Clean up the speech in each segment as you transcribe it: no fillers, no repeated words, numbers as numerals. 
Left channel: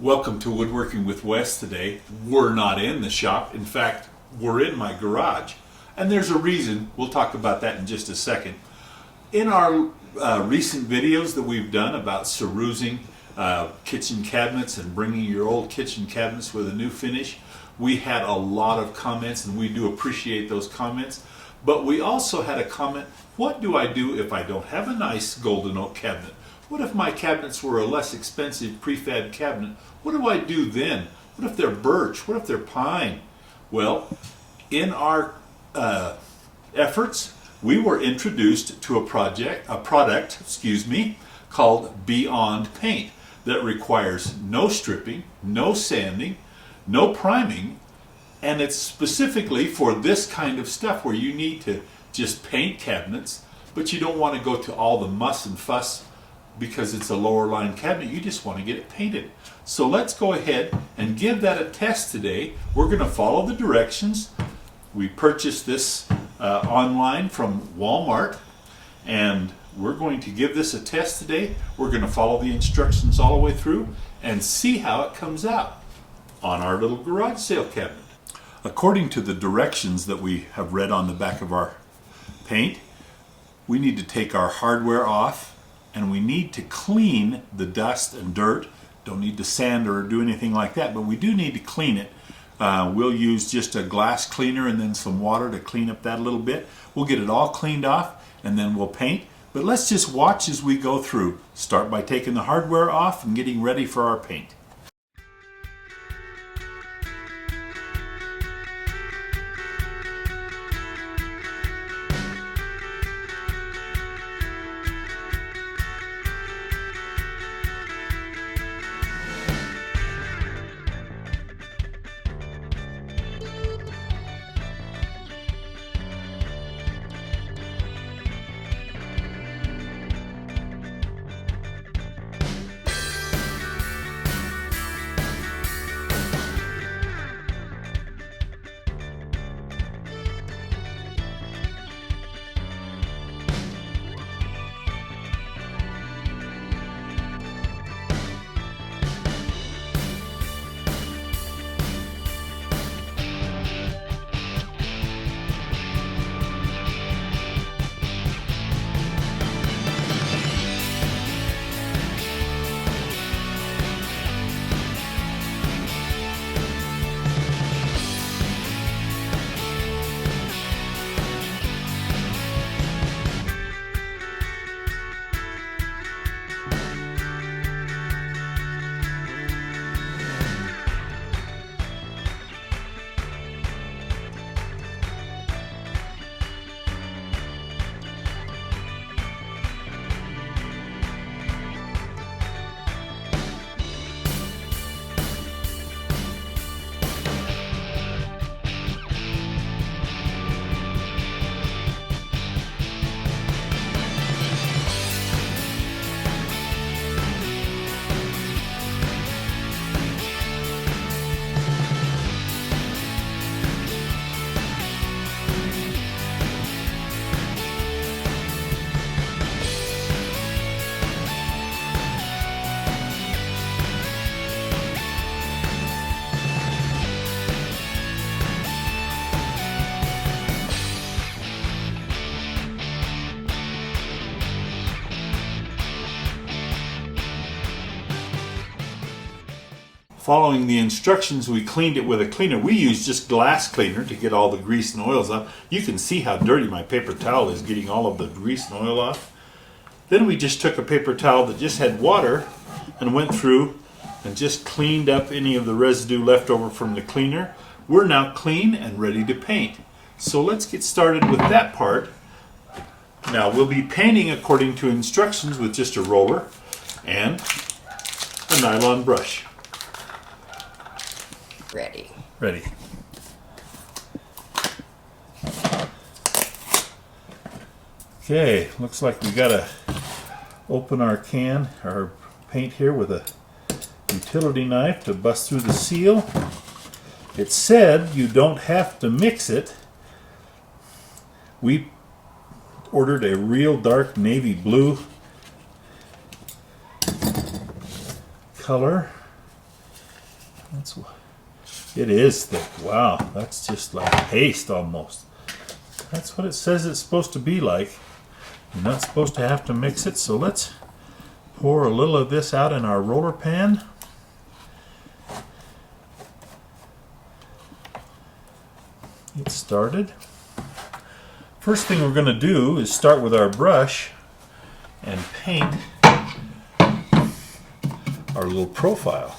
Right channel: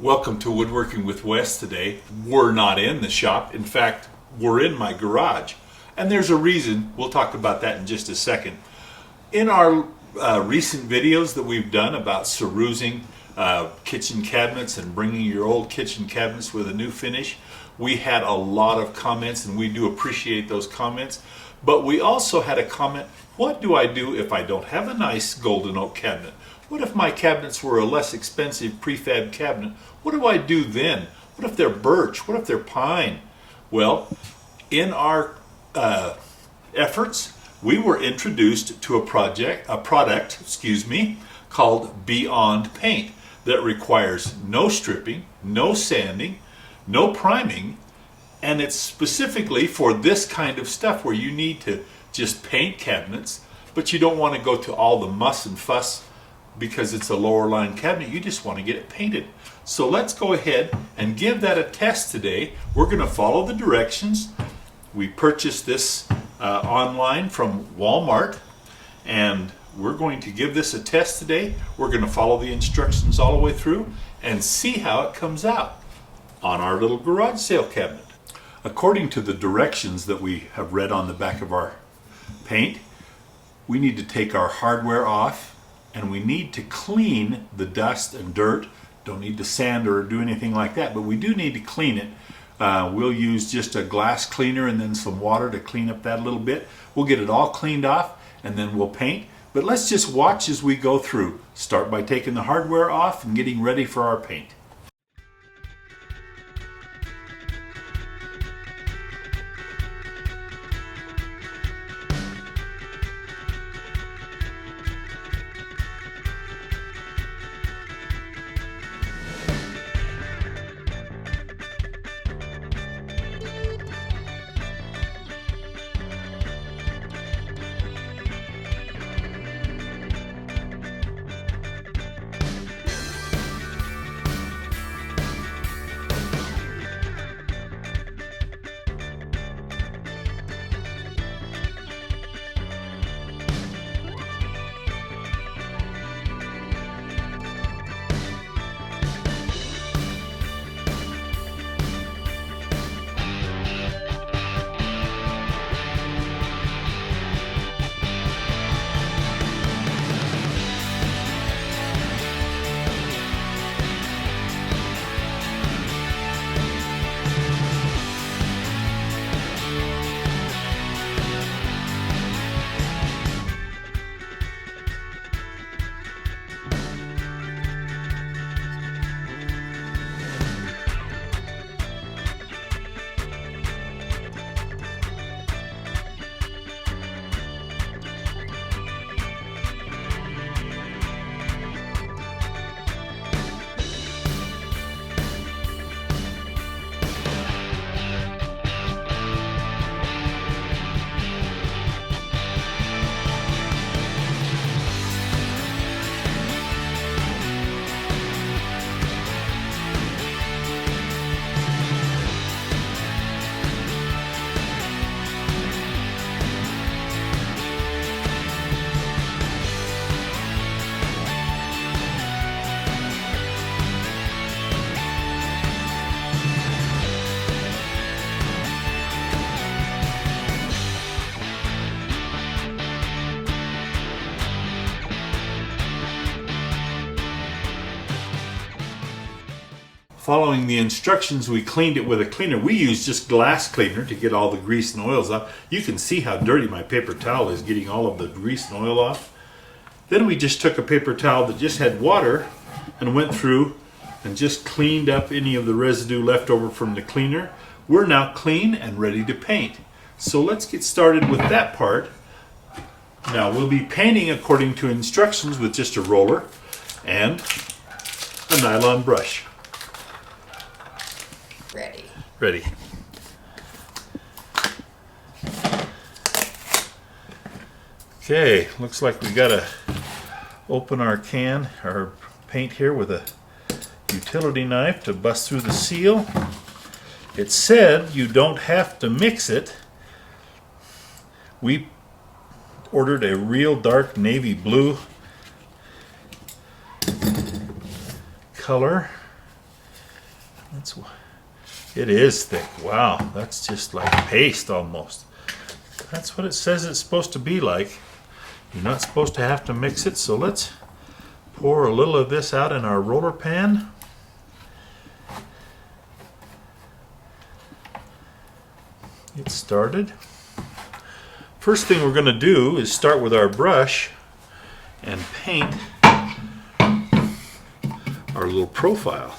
Welcome to Woodworking with Wes today. We're not in the shop. In fact, we're in my garage. And there's a reason. We'll talk about that in just a second. In our recent videos that we've done about cerusing kitchen cabinets and bringing your old kitchen cabinets with a new finish, we had a lot of comments, and we do appreciate those comments. But we also had a comment, what do I do if I don't have a nice golden oak cabinet? What if my cabinets were a less expensive prefab cabinet? What do I do then? What if they're birch? What if they're pine? Well, in our efforts, we were introduced to a product, called Beyond Paint that requires no stripping, no sanding, no priming, and it's specifically for this kind of stuff where you need to just paint cabinets, but you don't want to go to all the muss and fuss because it's a lower line cabinet. You just want to get it painted. So let's go ahead and give that a test today. We're going to follow the directions. We purchased this online from Walmart, and we're going to give this a test today. We're going to follow the instructions all the way through and see how it comes out on our little garage sale cabinet. According to the directions that we have read on the back of our paint, we need to take our hardware off, and we need to clean the dust and dirt. Don't need to sand or do anything like that, but we do need to clean it. We'll use just a glass cleaner and then some water to clean up that a little bit. We'll get it all cleaned off and then we'll paint. But let's just watch as we go through. Start by taking the hardware off and getting ready for our paint. Following the instructions, we cleaned it with a cleaner. We use just glass cleaner to get all the grease and oils off. You can see how dirty my paper towel is getting all of the grease and oil off. Then we just took a paper towel that just had water and went through and just cleaned up any of the residue left over from the cleaner. We're now clean and ready to paint. So let's get started with that part. Now we'll be painting according to instructions with just a roller and a nylon brush. Ready. Okay, looks like we gotta open our paint here with a utility knife to bust through the seal. It said you don't have to mix it. We ordered a real dark navy blue color, It is thick. Wow, that's just like paste almost. That's what it says it's supposed to be like. You're not supposed to have to mix it, so let's pour a little of this out in our roller pan. Get started. First thing we're going to do is start with our brush and paint our little profile.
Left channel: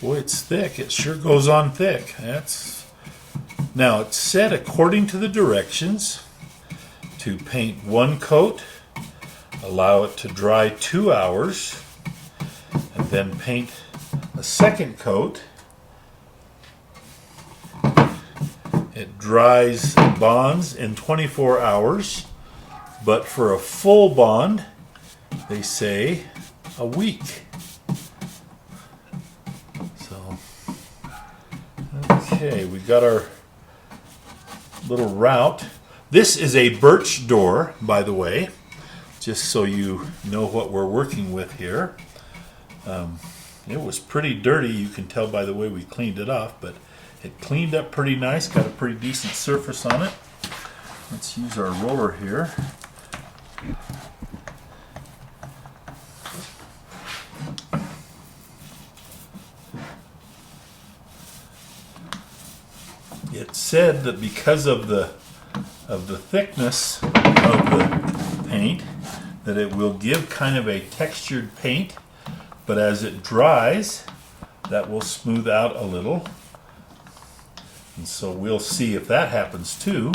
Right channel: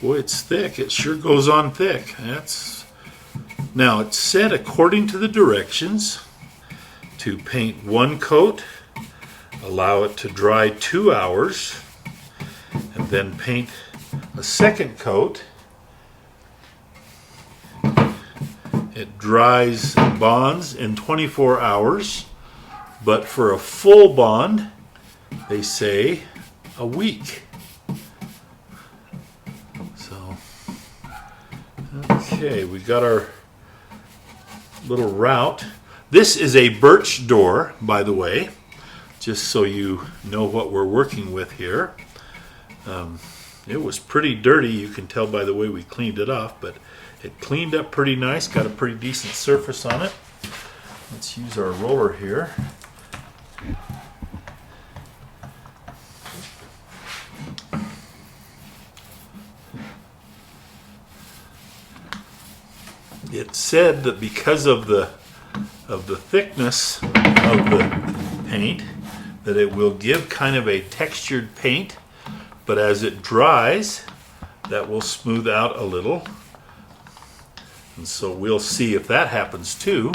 Boy, it's thick. It sure goes on thick. Now it's said, according to the directions, to paint one coat, allow it to dry 2 hours, and then paint a second coat. It dries and bonds in 24 hours, but for a full bond, they say a week. So, okay, we got our little route. This is a birch door, by the way, just so you know what we're working with here. It was pretty dirty, you can tell by the way we cleaned it off, but it cleaned up pretty nice, got a pretty decent surface on it. Let's use our roller here. It said that because of the thickness of the paint, that it will give kind of a textured paint, but as it dries, that will smooth out a little. And so we'll see if that happens too.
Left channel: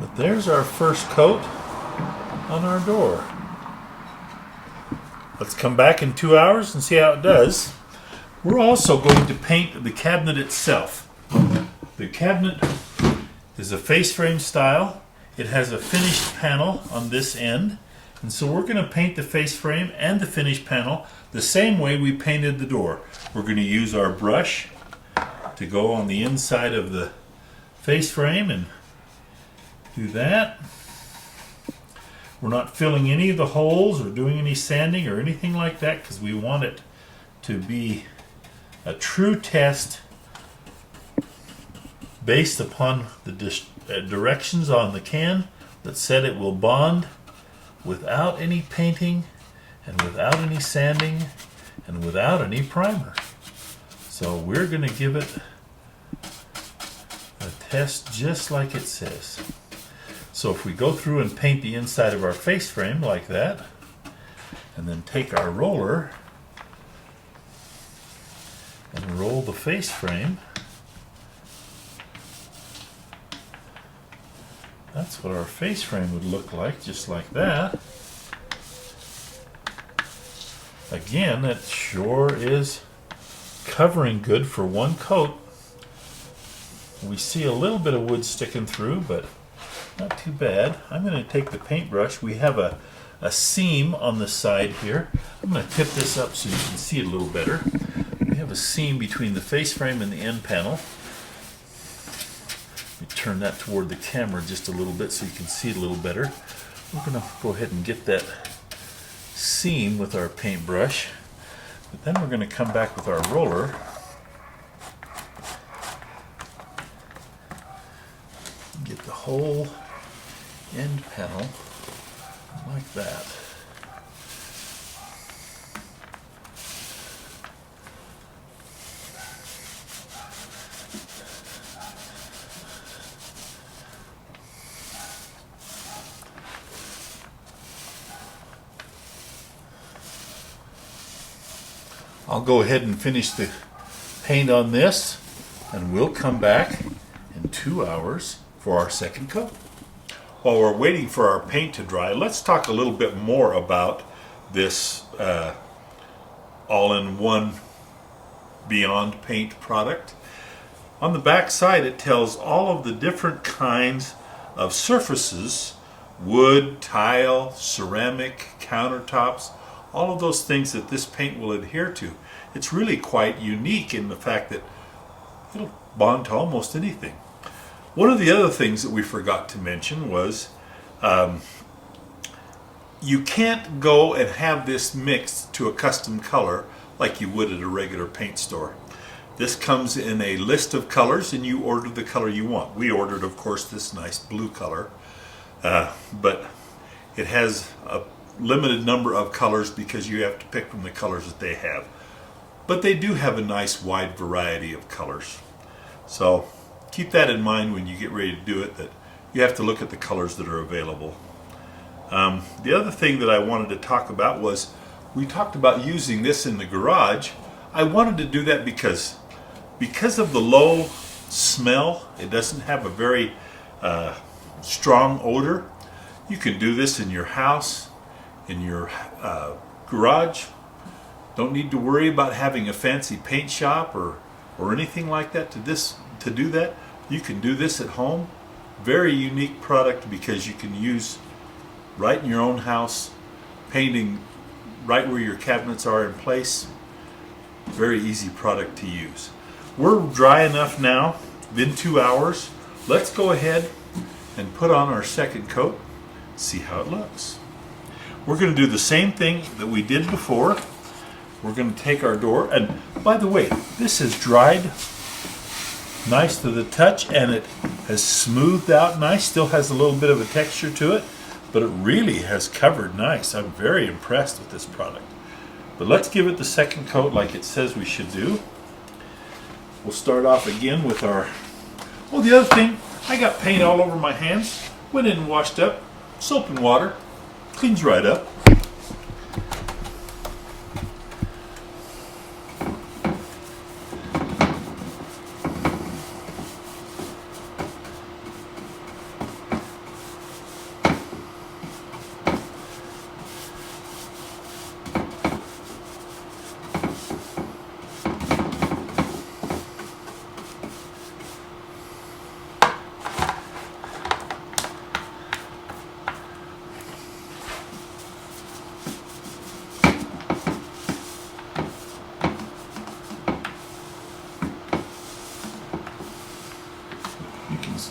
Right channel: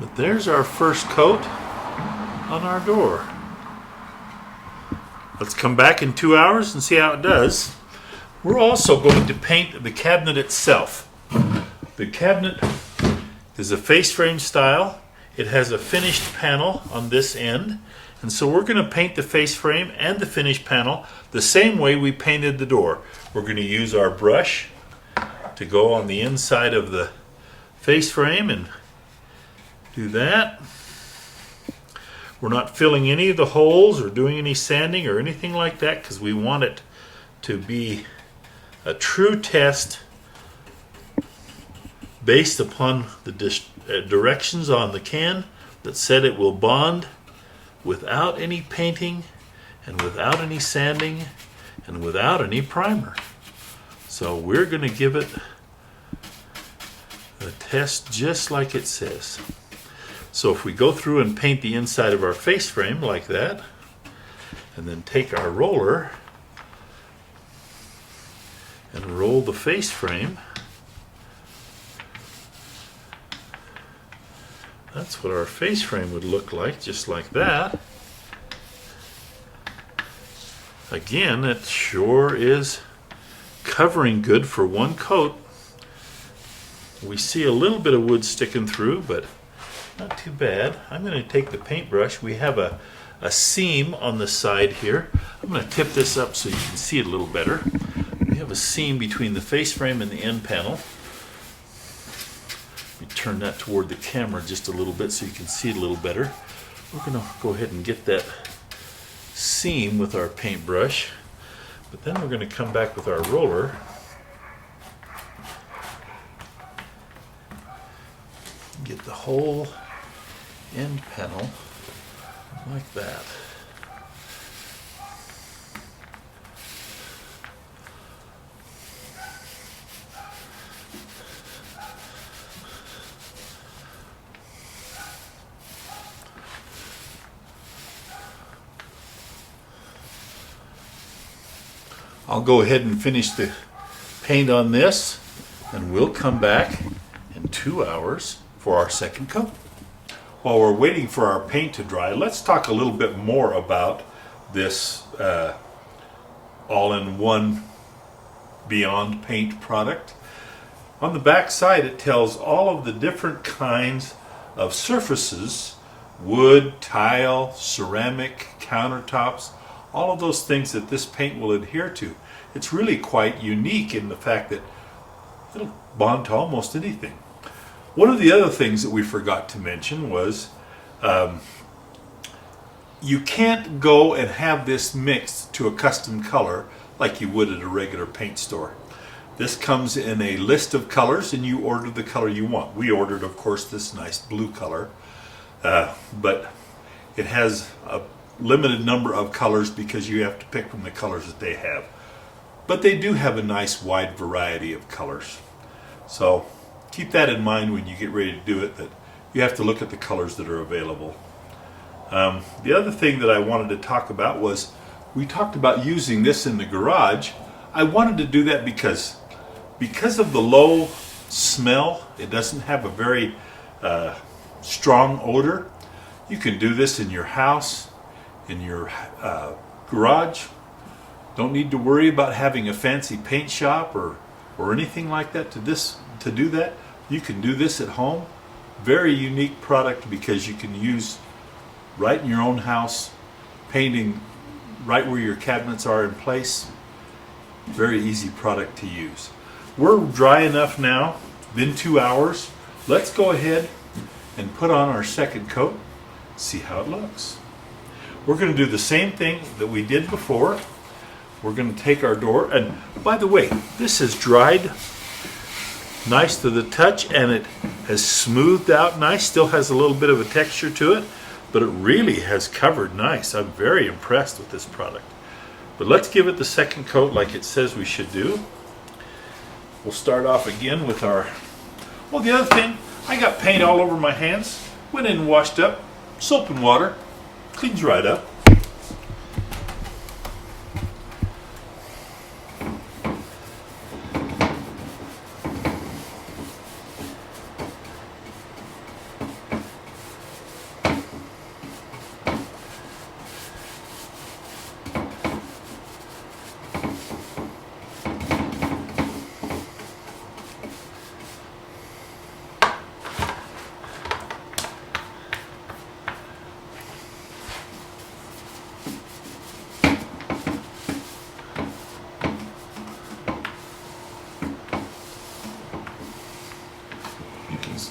But there's our first coat on our door. Let's come back in 2 hours and see how it does. We're also going to paint the cabinet itself. The cabinet is a face frame style. It has a finished panel on this end. And so we're going to paint the face frame and the finished panel the same way we painted the door. We're going to use our brush to go on the inside of the face frame and do that. We're not filling any of the holes or doing any sanding or anything like that because we want it to be a true test based upon the directions on the can that said it will bond without any painting and without any sanding and without any primer. So we're going to give it a test just like it says. So if we go through and paint the inside of our face frame like that, and then take our roller and roll the face frame, that's what our face frame would look like, just like that. Again, it sure is covering good for one coat. We see a little bit of wood sticking through, but not too bad. I'm going to take the paintbrush. We have a seam on the side here. I'm going to tip this up so you can see it a little better. We have a seam between the face frame and the end panel. Let me turn that toward the camera just a little bit so you can see it a little better. We're going to go ahead and get that seam with our paintbrush, but then we're going to come back with our roller and get the whole end panel like that. I'll go ahead and finish the paint on this, and we'll come back in 2 hours for our second coat. While we're waiting for our paint to dry, let's talk a little bit more about this all-in-one Beyond Paint product. On the back side, it tells all of the different kinds of surfaces, wood, tile, ceramic, countertops, all of those things that this paint will adhere to. It's really quite unique in the fact that it'll bond to almost anything. One of the other things that we forgot to mention was you can't go and have this mixed to a custom color like you would at a regular paint store. This comes in a list of colors and you order the color you want. We ordered, of course, this nice blue color, but it has a limited number of colors because you have to pick from the colors that they have. But they do have a nice wide variety of colors. So keep that in mind when you get ready to do it, that you have to look at the colors that are available. The other thing that I wanted to talk about was, we talked about using this in the garage. I wanted to do that because of the low smell. It doesn't have a very strong odor. You can do this in your house, in your garage. Don't need to worry about having a fancy paint shop or anything like that to do that. You can do this at home. Very unique product because you can use right in your own house, painting right where your cabinets are in place. Very easy product to use. We're dry enough now, been 2 hours. Let's go ahead and put on our second coat, see how it looks. We're going to do the same thing that we did before. We're going to take our door, and by the way, this has dried nice to the touch and it has smoothed out nice. Still has a little bit of a texture to it, but it really has covered nice. I'm very impressed with this product. But let's give it the second coat like it says we should do. We'll start off again with our... Well, the other thing, I got paint all over my hands. Went in and washed up. Soap and water. Cleans right up.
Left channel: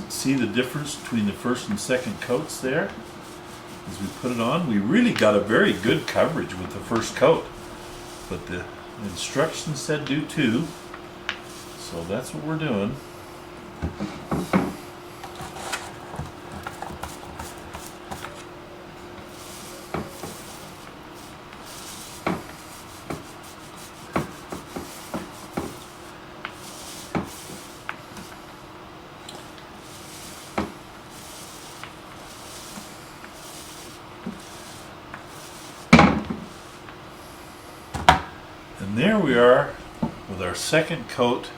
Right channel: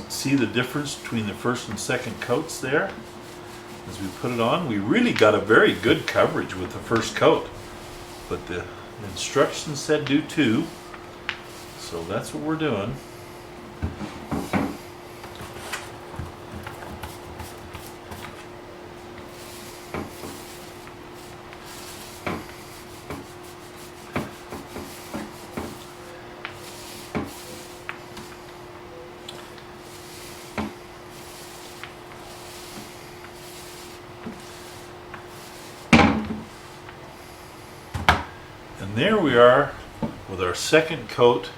See the difference between the first and second coats there? As we put it on, we really got a very good coverage with the first coat, but the instructions said do 2, so that's what we're doing. And there we are with our second coat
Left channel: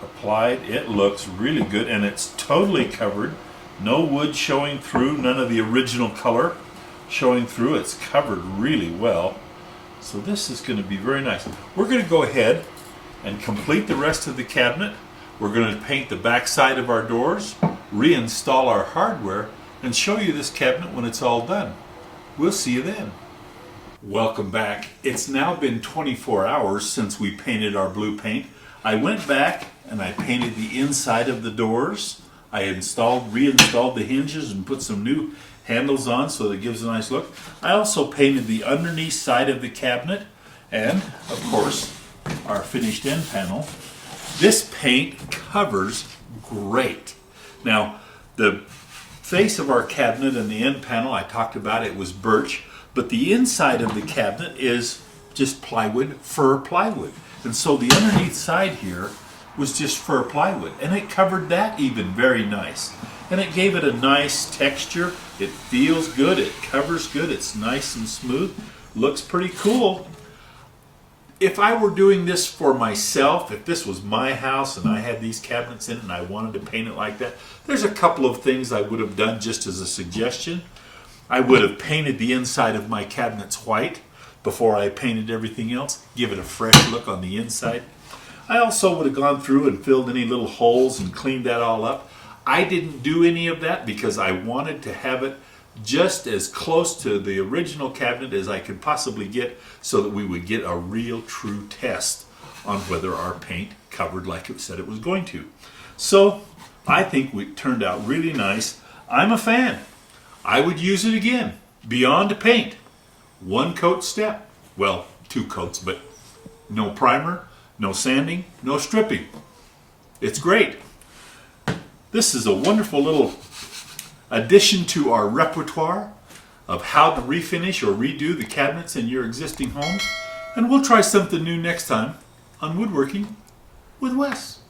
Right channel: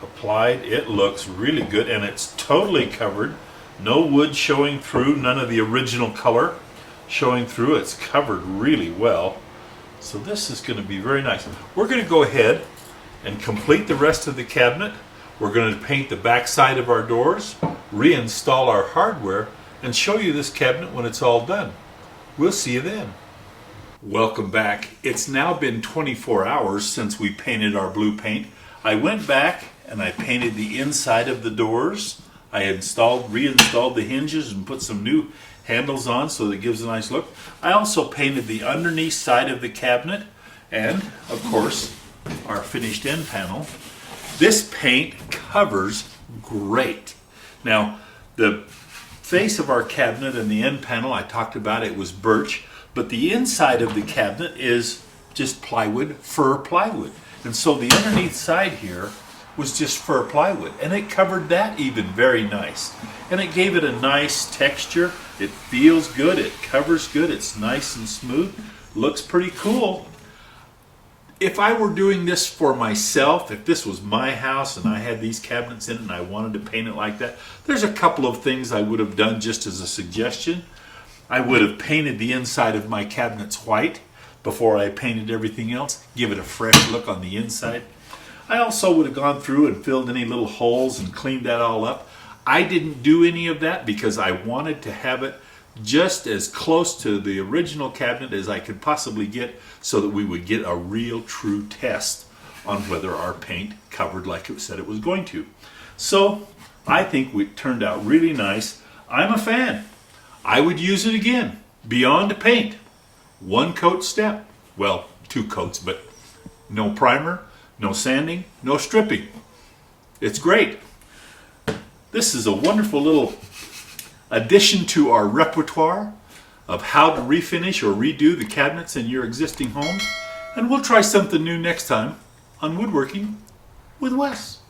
applied. It looks really good and it's totally covered. No wood showing through, none of the original color showing through. It's covered really well. So this is going to be very nice. We're going to go ahead and complete the rest of the cabinet. We're going to paint the back side of our doors, reinstall our hardware, and show you this cabinet when it's all done. We'll see you then. Welcome back. It's now been 24 hours since we painted our blue paint. I went back and I painted the inside of the doors. I reinstalled the hinges and put some new handles on so that it gives a nice look. I also painted the underneath side of the cabinet and, of course, our finished end panel. This paint covers great. Now, the face of our cabinet and the end panel, I talked about it was birch. But the inside of the cabinet is just plywood, fir plywood. And so the underneath side here was just fir plywood. And it covered that even very nice. And it gave it a nice texture. It feels good, it covers good, it's nice and smooth. Looks pretty cool. If I were doing this for myself, if this was my house and I had these cabinets in it and I wanted to paint it like that, there's a couple of things I would have done just as a suggestion. I would have painted the inside of my cabinets white before I painted everything else, give it a fresh look on the inside. I also would have gone through and filled any little holes and cleaned that all up. I didn't do any of that because I wanted to have it just as close to the original cabinet as I could possibly get so that we would get a real true test on whether our paint covered like it said it was going to. So I think it turned out really nice. I'm a fan. I would use it again. Beyond paint. 1 coat step. Well, 2 coats, but no primer, no sanding, no stripping. It's great. This is a wonderful little addition to our repertoire of how to refinish or redo the cabinets in your existing home. And we'll try something new next time on Woodworking with Wes.